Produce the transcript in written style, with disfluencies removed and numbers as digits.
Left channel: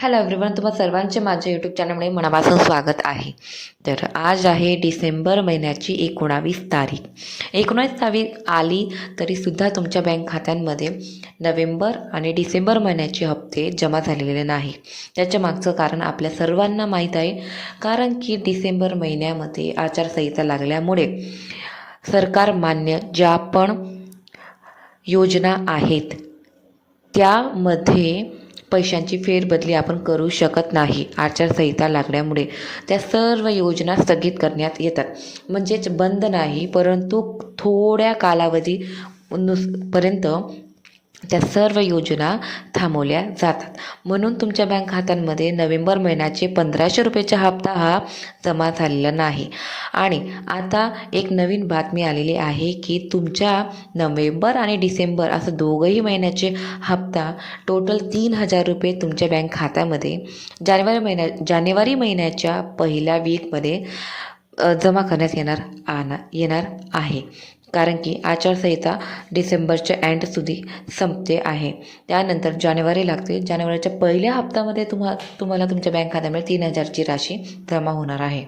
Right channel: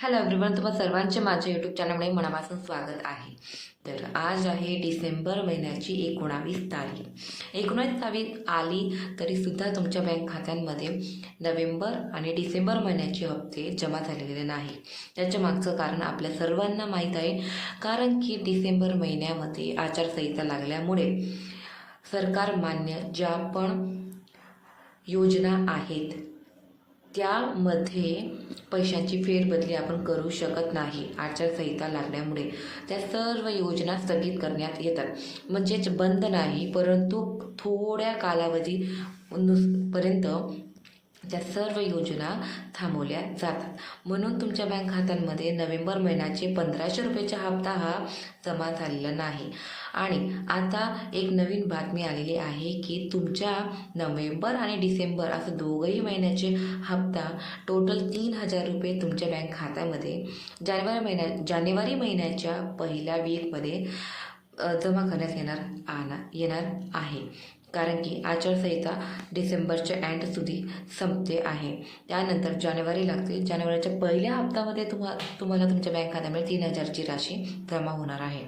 Hello everyone, तुम्हा सर्वांचे माझ्या यूट्यूब चॅनलमध्ये मनापासून स्वागत आहे. तर आज आहे डिसेंबर महिन्याची 19 तारीख. 19 तारीख आली तरीसुद्धा तुमच्या बँक खात्यांमध्ये नोव्हेंबर आणि डिसेंबर महिन्याचे हप्ते जमा झालेले नाही. त्याच्या मागचं कारण आपल्या सर्वांना माहीत आहे. कारण की डिसेंबर महिन्यामध्ये आचारसंहिता लागल्यामुळे सरकार मान्य ज्या पण योजना आहेत त्यामध्ये पैशांची फेरबदली आपण करू शकत नाही. आचारसंहिता लागल्यामुळे त्या सर्व योजना स्थगित करण्यात येतात. म्हणजेच बंद नाही, परंतु थोड्या कालावधी पर्यंत त्या सर्व योजना थांबवल्या जातात. म्हणून तुमच्या बँक खात्यांमध्ये नोव्हेंबर महिन्याचे 1500 रुपयेचा हप्ता हा जमा झालेला नाही. आणि आता एक नवीन बातमी आलेली आहे की तुमच्या नोव्हेंबर आणि डिसेंबर असं दोघंही महिन्याचे हप्ता टोटल 3000 रुपये तुमच्या बँक खात्यामध्ये जानेवारी महिन्याच्या पहिल्या वीकमध्ये जमा करण्यात येणार आहे. कारण की आचारसंहिता डिसेंबरच्या एंडસુધી संपते आहे. त्यानंतर जानेवारी लागते. जानेवारीच्या पहिल्या हप्त्यामध्ये तुम्हाला तुमच्या बँक खात्यामध्ये 3000ची राशी जमा होणार आहे.